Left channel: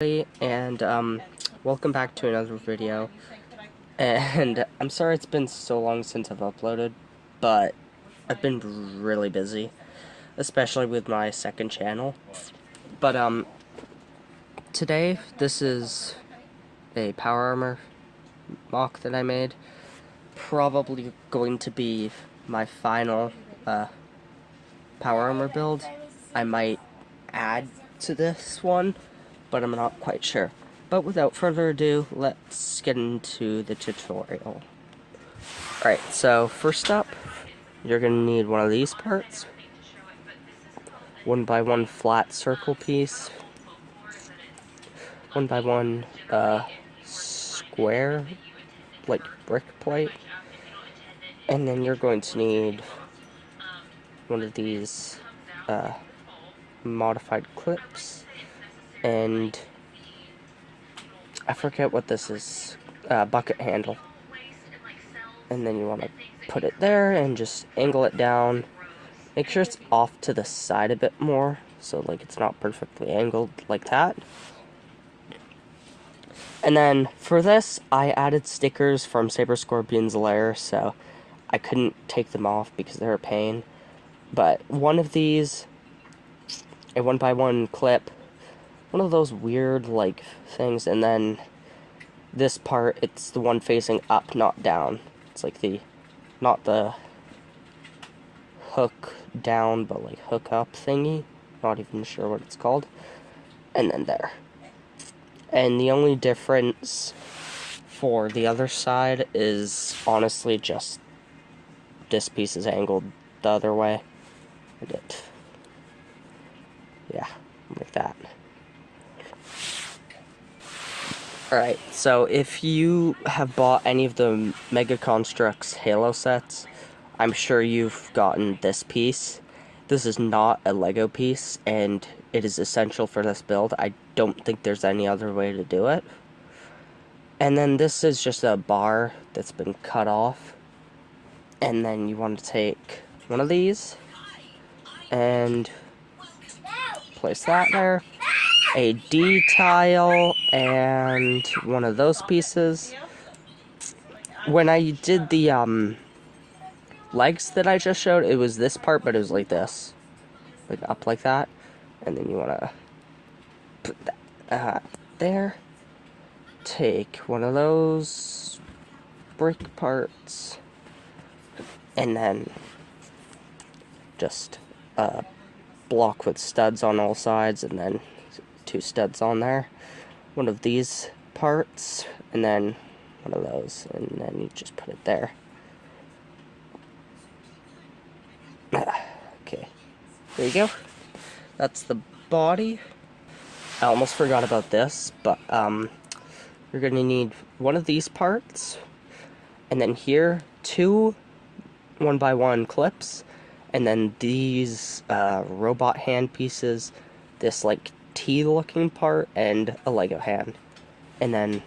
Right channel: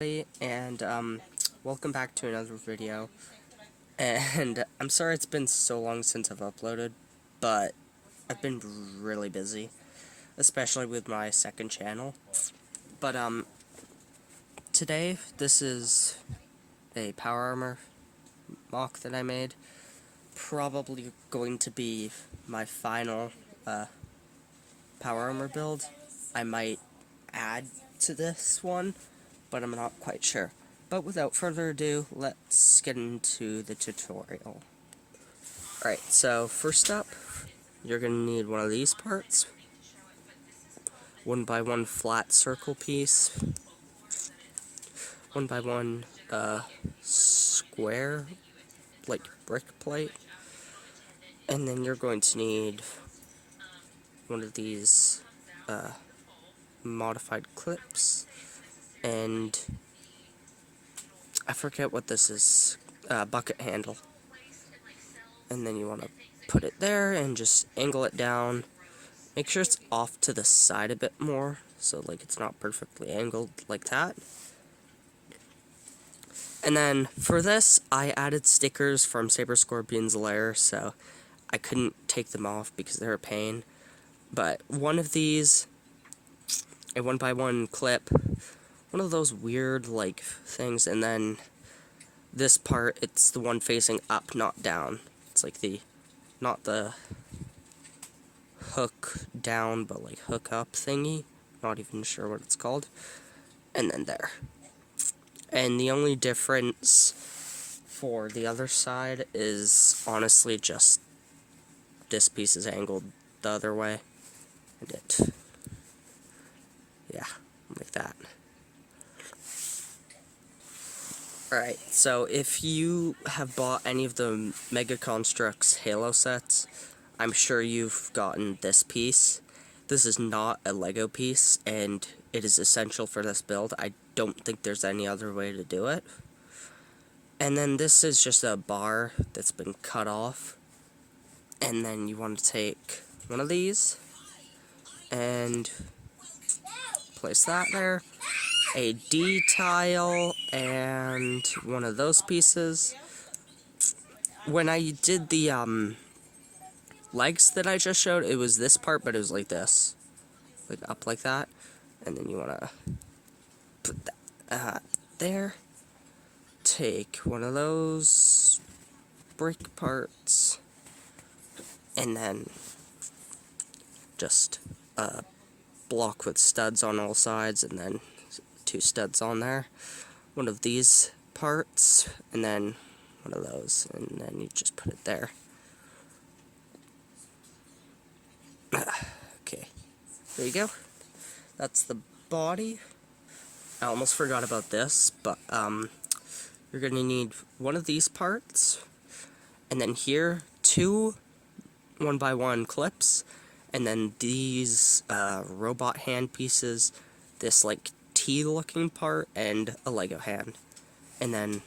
And welcome back to another video. And I'm sorry it's been so long since I've uploaded, but I've been really busy, especially with my second channel. But today this is a power armor mock that I made. Probably going to be my final power armor build. I might add to this one, but I'm not quite sure. But without further ado, let's get into the tutorial. Alright, so first up, you're going to need one of these parts. 1x1 flat circle piece. 1x1 square, like brick plate. And then you're going to need one of these modified clips. And I forget what this is, bucket handle. And then you want to put it there and just angle it down. Make sure it's off to the side a bit more, so like it's not perfectly angled like that. And then for this, I added stickers from Saber Scorpion's lair, so I couldn't take them off because they're a pain. But one of these, a 1x1 clip, one of those weird, like, things, and then this part, it's the one facing up, not down. It's like not the hook down, but like hook up thingy. Not even sure what it's called. And then there. And the only difference for the other side is honestly just this piece is angled the other way. And yeah, like that. Alright, so if you have bought any of the Mega Construx Halo sets, I'm sure you've gotten this piece. This is not a Lego piece, and it is essential for this build. I don't think there's any other way to do it. And then this is just a bar that's been cut off. And then you want to take one of these and place that there. A D-tile and one of those pieces. When I did the legs that I just showed, it was this part, but it was like this, like up like that, and then you want to put that there. Take one of those brick parts and then just block with studs on all sides, and then 2 studs on there, one of these parts, and then one of those, and then you just put it there. Okay, there you go. That's the body. I almost forgot about this, but you're gonna need one of these parts, and then here 2 1x1 clips, and then these robot hand pieces, this like T-looking part, and a Lego hand, and then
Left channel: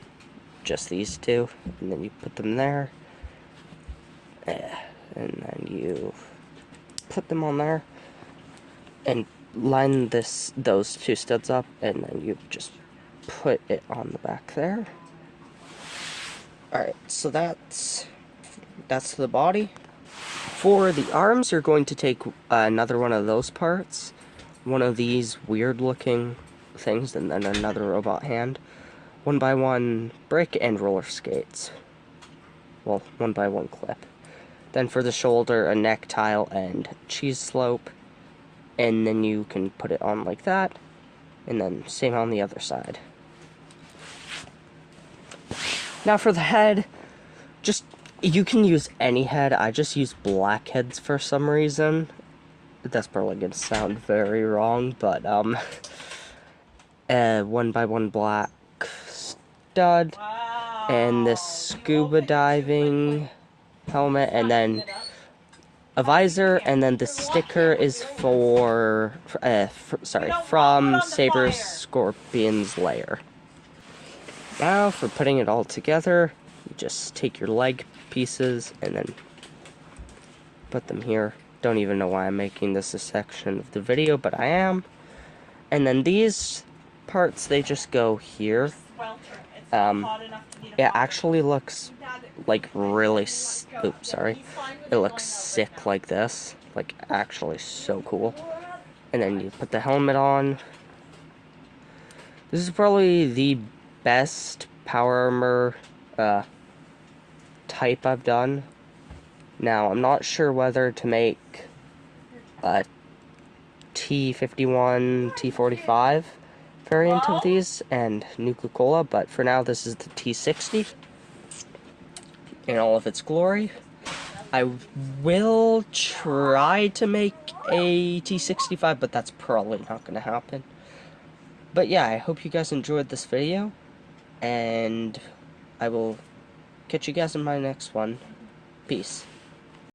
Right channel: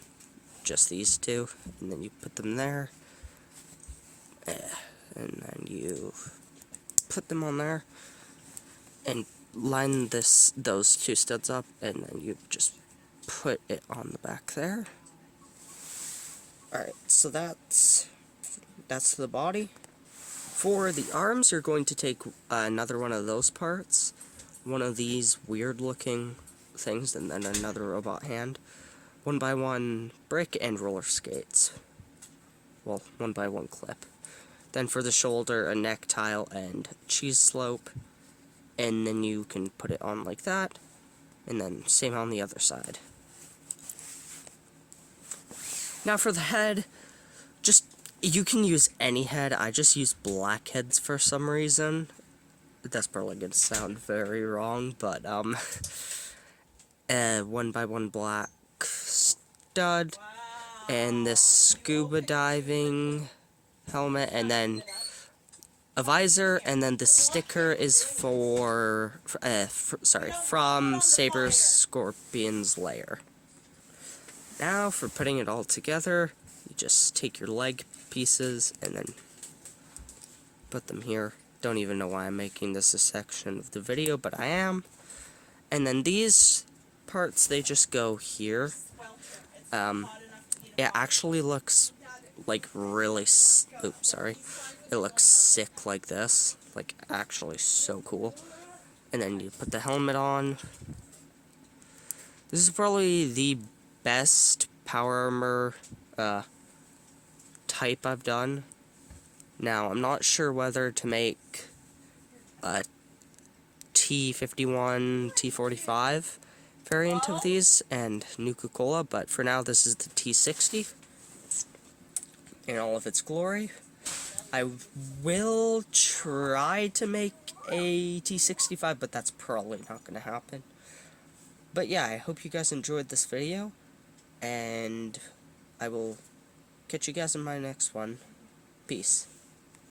just these 2, and then you put them there, and then you put them on there, and line those 2 studs up, and then you just put it on the back there. Alright, so that's the body. For the arms, you're going to take another one of those parts, one of these weird looking things, and then another robot hand, 1x1 brick and roller skates. Well, 1x1 clip. Then for the shoulder, a neck tile and cheese slope, and then you can put it on like that, and then same on the other side. Now for the head, you can use any head. I just use black heads for some reason. That's probably gonna sound very wrong, but 1x1 black stud, and this scuba diving helmet, and then a visor, and then the sticker is from Saber Scorpion's lair. Now for putting it all together, you just take your leg pieces and then put them here. Don't even know why I'm making this a section of the video, but I am. And then these parts, they just go here. It actually looks like really, oops, sorry. It looks sick like this. Like, actually so cool. And then you put the helmet on. This is probably the best power armor type I've done. Now, I'm not sure whether to make a T51, T45 variant of these and Nuka-Cola, but for now this is the T60 in all of its glory. I will try to make a T65, but that's probably not going to happen. But yeah, I hope you guys enjoyed this video, and I will catch you guys in my next one. Peace.